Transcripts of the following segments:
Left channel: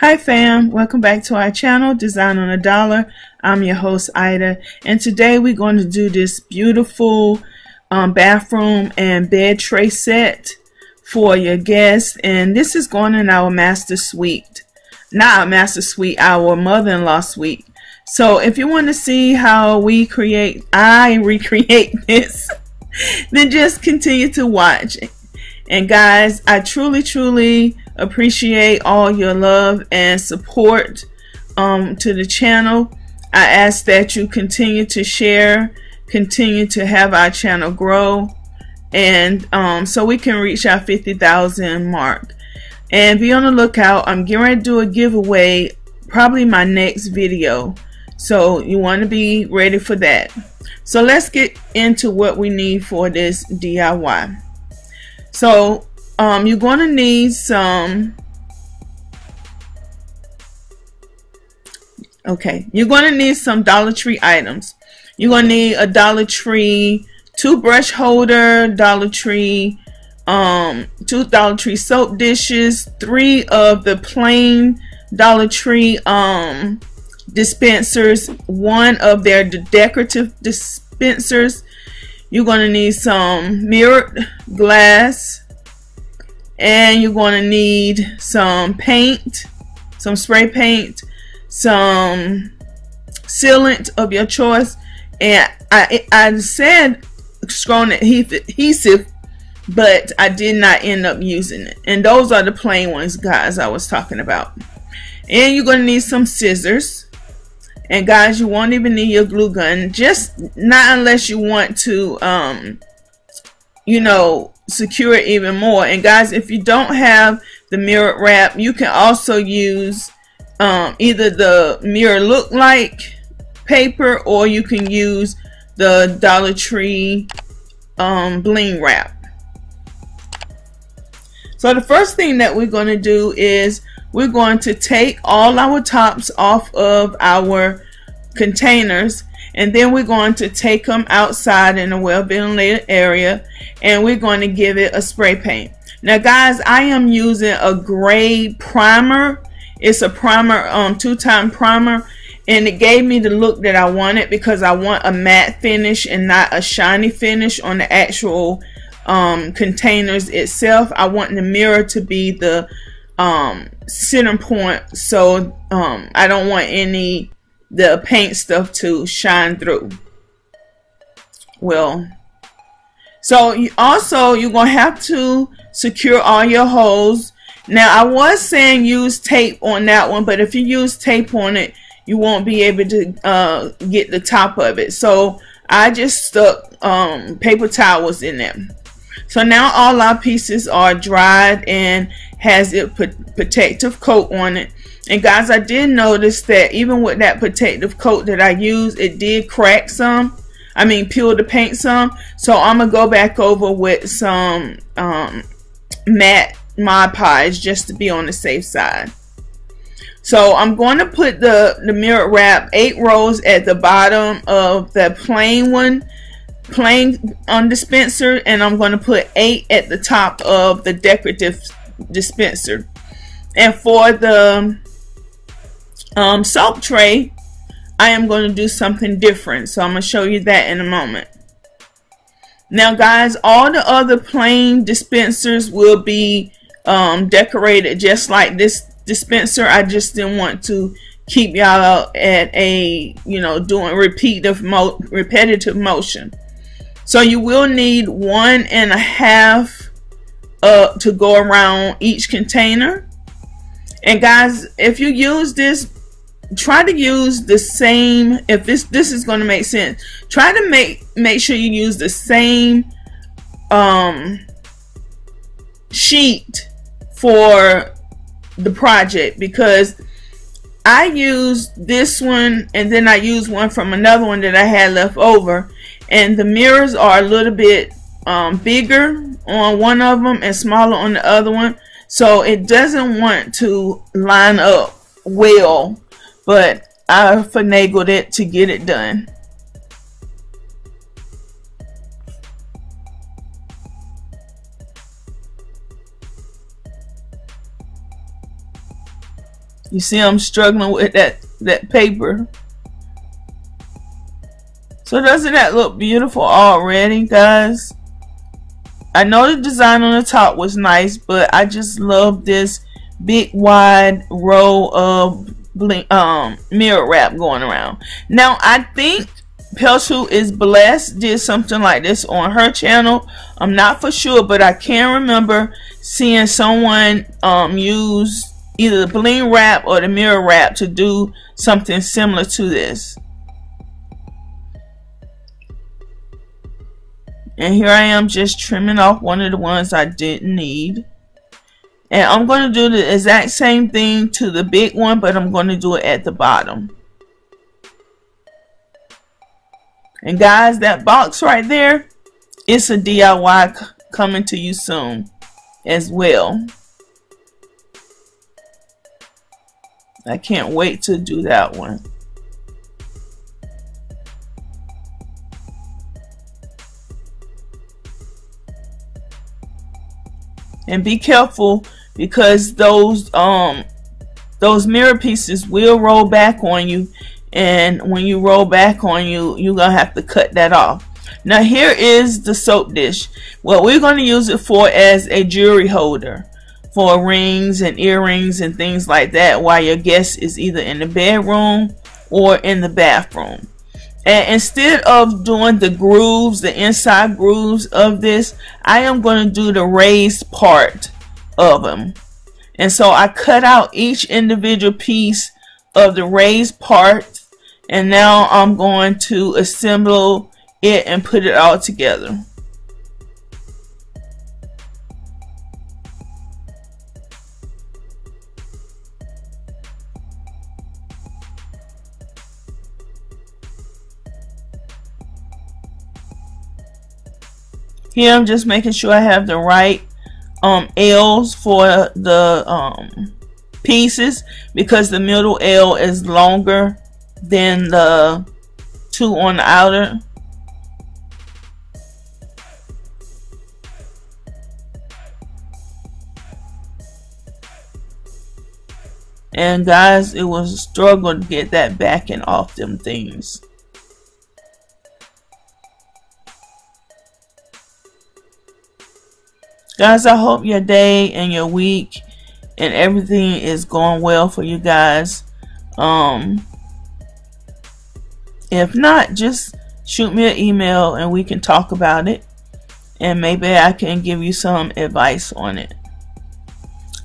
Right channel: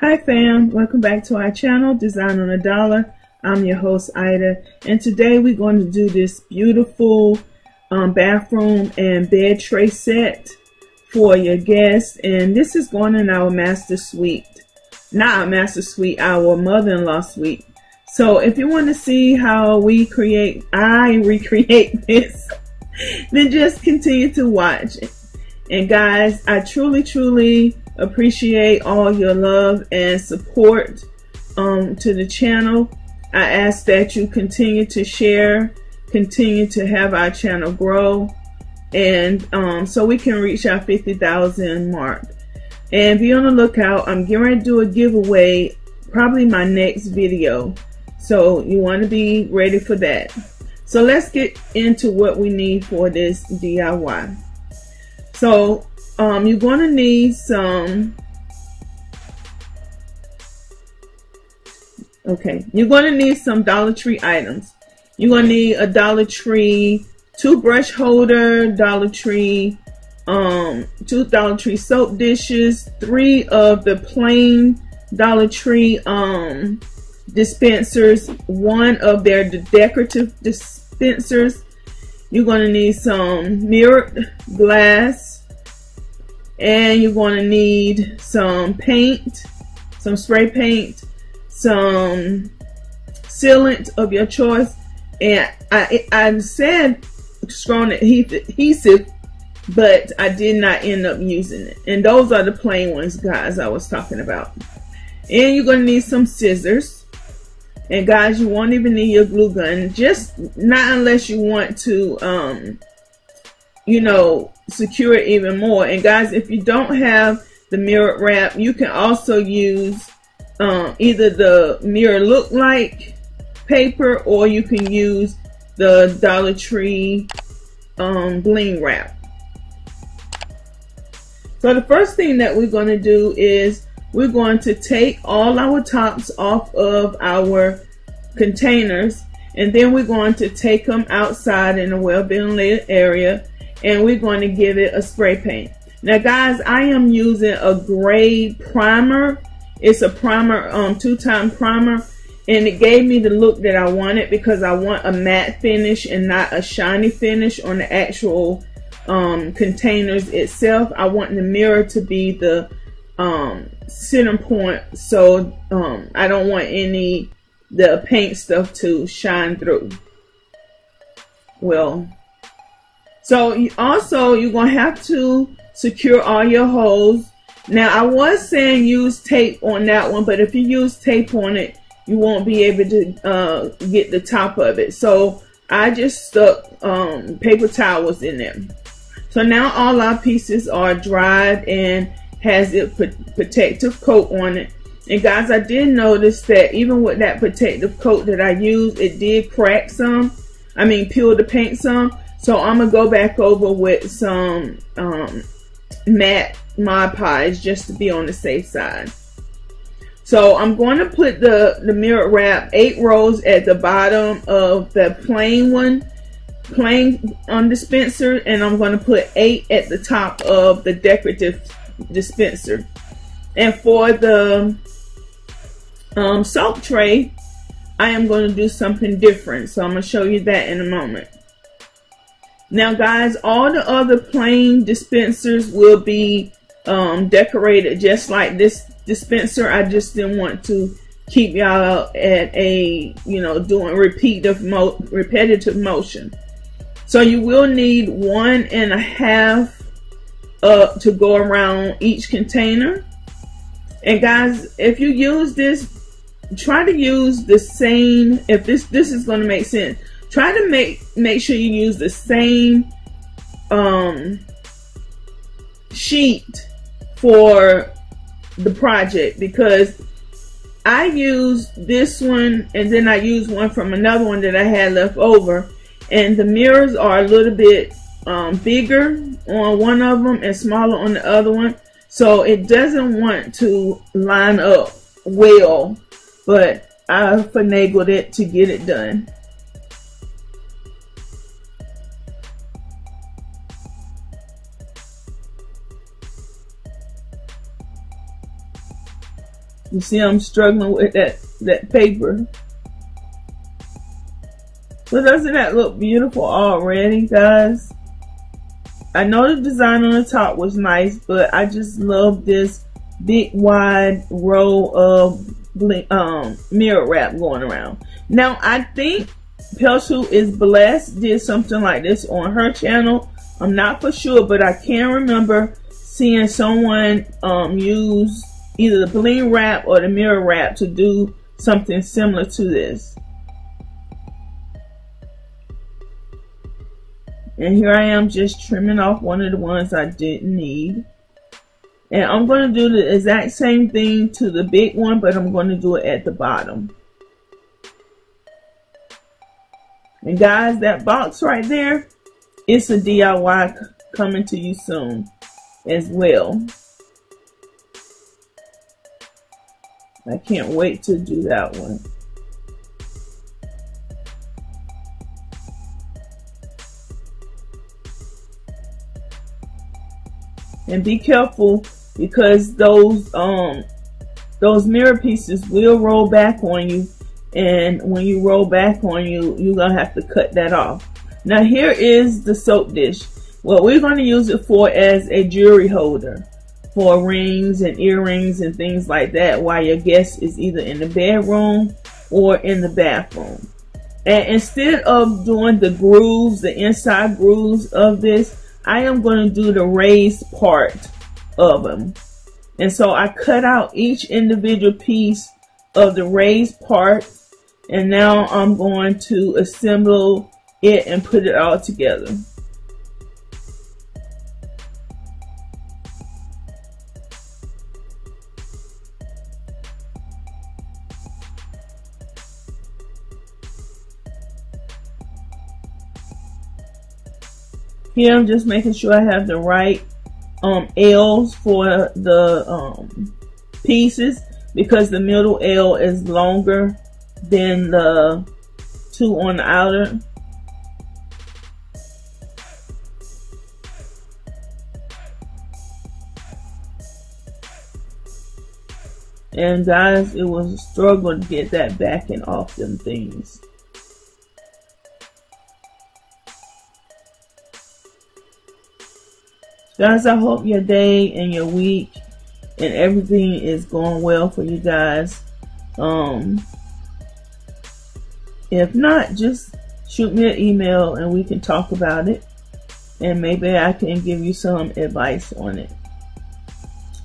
Hi fam, welcome back to our channel, Design on a Dollar. I'm your host Ida, and today we're going to do this beautiful bathroom and bed tray set for your guests. And this is going in our master suite, not our master suite, our mother-in-law suite. So if you want to see how I recreate this, then just continue to watch. And guys, I truly appreciate all your love and support to the channel. I ask that you continue to share, continue to have our channel grow, and so we can reach our 50,000 mark. And be on the lookout. I'm getting ready to do a giveaway, probably my next video, so you want to be ready for that. So let's get into what we need for this DIY. So you're going to need some, you're going to need some Dollar Tree items. You're going to need a Dollar Tree toothbrush holder, Dollar Tree, two Dollar Tree soap dishes, 3 of the plain Dollar Tree dispensers, 1 of their decorative dispensers. You're going to need some mirrored glass, and you're going to need some paint, some spray paint, some sealant of your choice. And I said strong adhesive, but I did not end up using it. And those are the plain ones, guys, I was talking about. And you're going to need some scissors. And guys, you won't even need your glue gun, just not unless you want to you know, secure it even more. And guys, if you don't have the mirror wrap, you can also use either the mirror look like paper, or you can use the Dollar Tree bling wrap. So the first thing that we're going to do is we're going to take all our tops off of our containers, and then we're going to take them outside in a well-ventilated area, and we're going to give it a spray paint. Now guys, I am using a gray primer. It's a primer, 2-time primer, and it gave me the look that I wanted because I want a matte finish and not a shiny finish on the actual containers itself. I want the mirror to be the center point, so I don't want the paint stuff to shine through. Well, so you're gonna have to secure all your holes. Now I was saying use tape on that one, but if you use tape on it, you won't be able to get the top of it. So I just stuck paper towels in there. So now all our pieces are dried and has a protective coat on it. And guys, I did notice that even with that protective coat that I used, it did crack some. I mean, peel the paint some. So I'm gonna go back over with some matte Mod Podge just to be on the safe side. So I'm going to put the mirror wrap 8 rows at the bottom of the plain dispenser, and I'm going to put 8 at the top of the decorative dispenser. And for the soap tray, I am going to do something different, so I'm going to show you that in a moment. Now guys, all the other plain dispensers will be decorated just like this dispenser. I just didn't want to keep y'all at a, you know, doing repetitive motion. So you will need 1.5 to go around each container. And guys, if you use this, try to use the same. If this is going to make sense, try to make sure you use the same sheet for the project, because I used this one and then I used one from another one that I had left over, and the mirrors are a little bit bigger on one of them and smaller on the other one, so it doesn't want to line up well, but I finagled it to get it done. You see I'm struggling with that paper. So doesn't that look beautiful already, guys? I know the design on the top was nice, but I just love this big wide row of mirror wrap going around. Now I think Pelsu is Blessed did something like this on her channel. I'm not for sure, but I can remember seeing someone use either the bling wrap or the mirror wrap to do something similar to this. And here I am just trimming off one of the ones I didn't need. And I'm going to do the exact same thing to the big one, but I'm going to do it at the bottom. And guys, that box right there, it's a DIY coming to you soon as well. I can't wait to do that one. And be careful, because those mirror pieces will roll back on you, and when you roll back on you, you're gonna have to cut that off. Now here is the soap dish. What we're going to use it for as a jewelry holder for rings and earrings and things like that while your guest is either in the bedroom or in the bathroom. And instead of doing the grooves, the inside grooves of this, I am going to do the raised part of them. And so I cut out each individual piece of the raised part, and now I'm going to assemble it and put it all together. Here I'm just making sure I have the right L's for the pieces, because the middle L is longer than the two on the outer. And guys, it was a struggle to get that backing off them things. Guys, I hope your day and your week and everything is going well for you guys. If not, just shoot me an email and we can talk about it, and maybe I can give you some advice on it.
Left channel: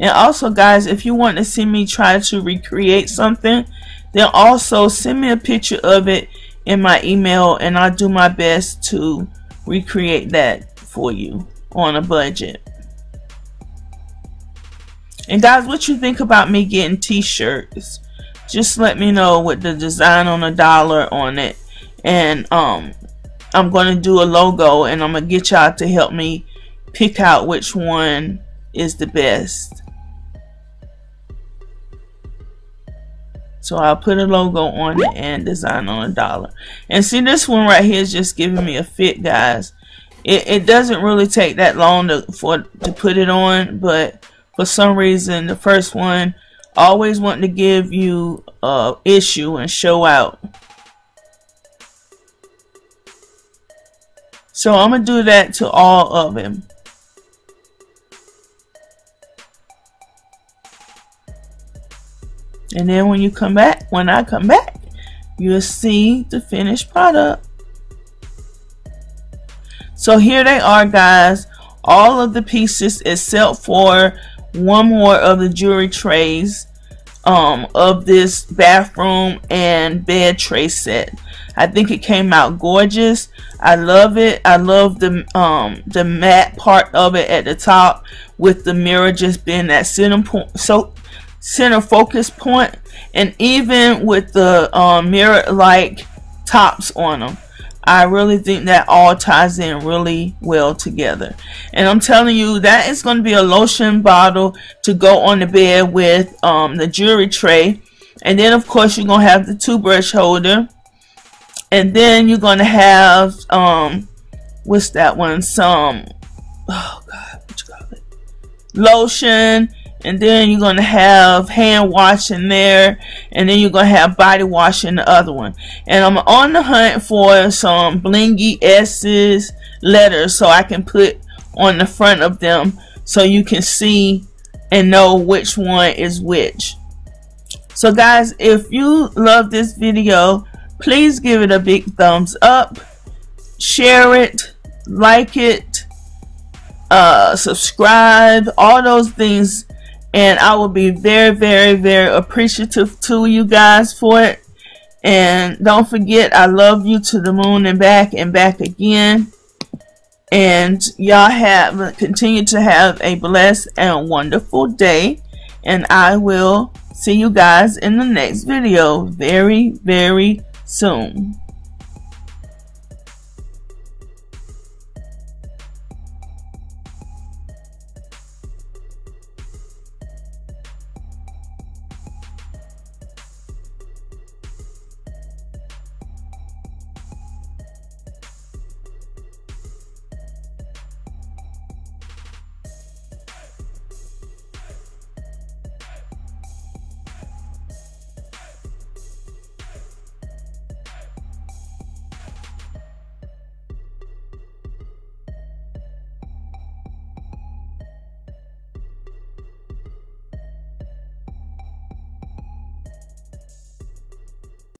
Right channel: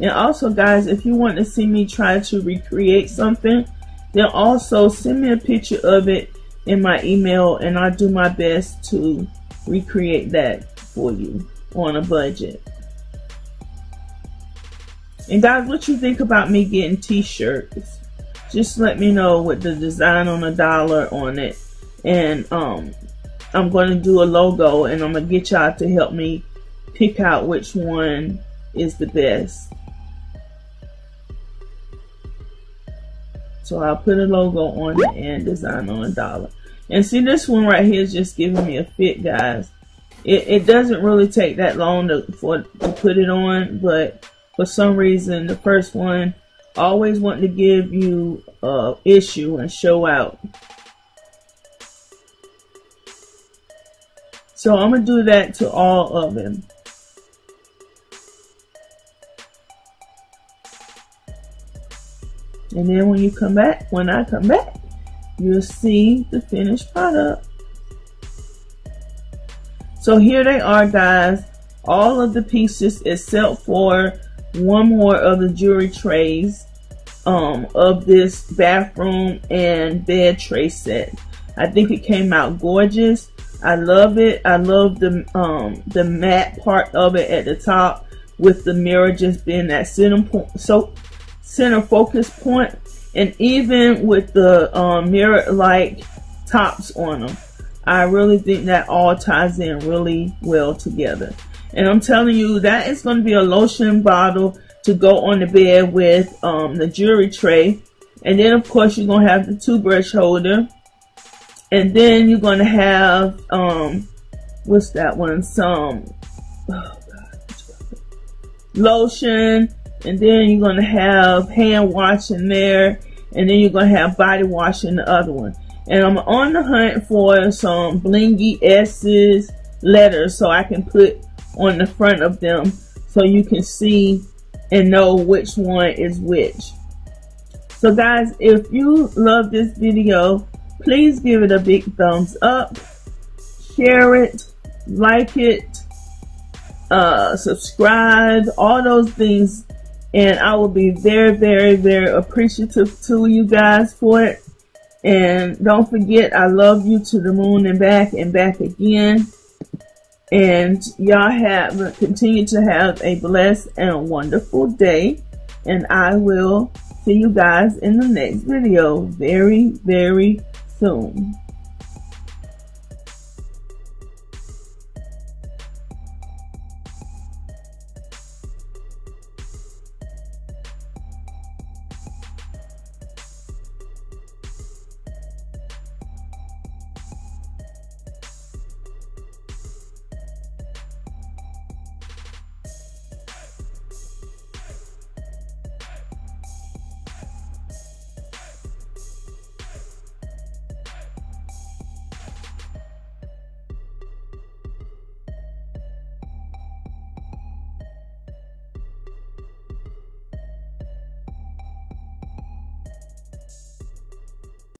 And also, guys, if you want to see me try to recreate something, then also send me a picture of it in my email, and I'll do my best to recreate that for you on a budget. And guys, what you think about me getting t-shirts? Just let me know with the design on $1 on it. And I'm going to do a logo, and I'm going to get y'all to help me pick out which one is the best. So I'll put a logo on it and design on $1. And see, this one right here is just giving me a fit, guys. It doesn't really take that long to put it on, but for some reason the first one always wanting to give you issue and show out. So I'm gonna do that to all of them. And then when I come back, you'll see the finished product. So here they are, guys, all of the pieces except for one more of the jewelry trays of this bathroom and bed tray set. I think it came out gorgeous. I love it. I love the matte part of it at the top, with the mirror just being that center point, so center focus point, and even with the mirror like tops on them. I really think that all ties in really well together. And I'm telling you, that is going to be a lotion bottle to go on the bed with the jewelry tray. And then of course you're going to have the toothbrush holder. And then you're going to have what's that one? Some, oh God, what you call it? Lotion and then you're going to have hand wash in there, and then you're going to have body wash in the other one. And I'm on the hunt for some blingy S's letters so I can put on the front of them so you can see and know which one is which. So guys, if you love this video, please give it a big thumbs up, share it, like it, subscribe, all those things, and I will be very appreciative to you guys for it. And don't forget, I love you to the moon and back again. And y'all continue to have a blessed and wonderful day, and I will see you guys in the next video very soon.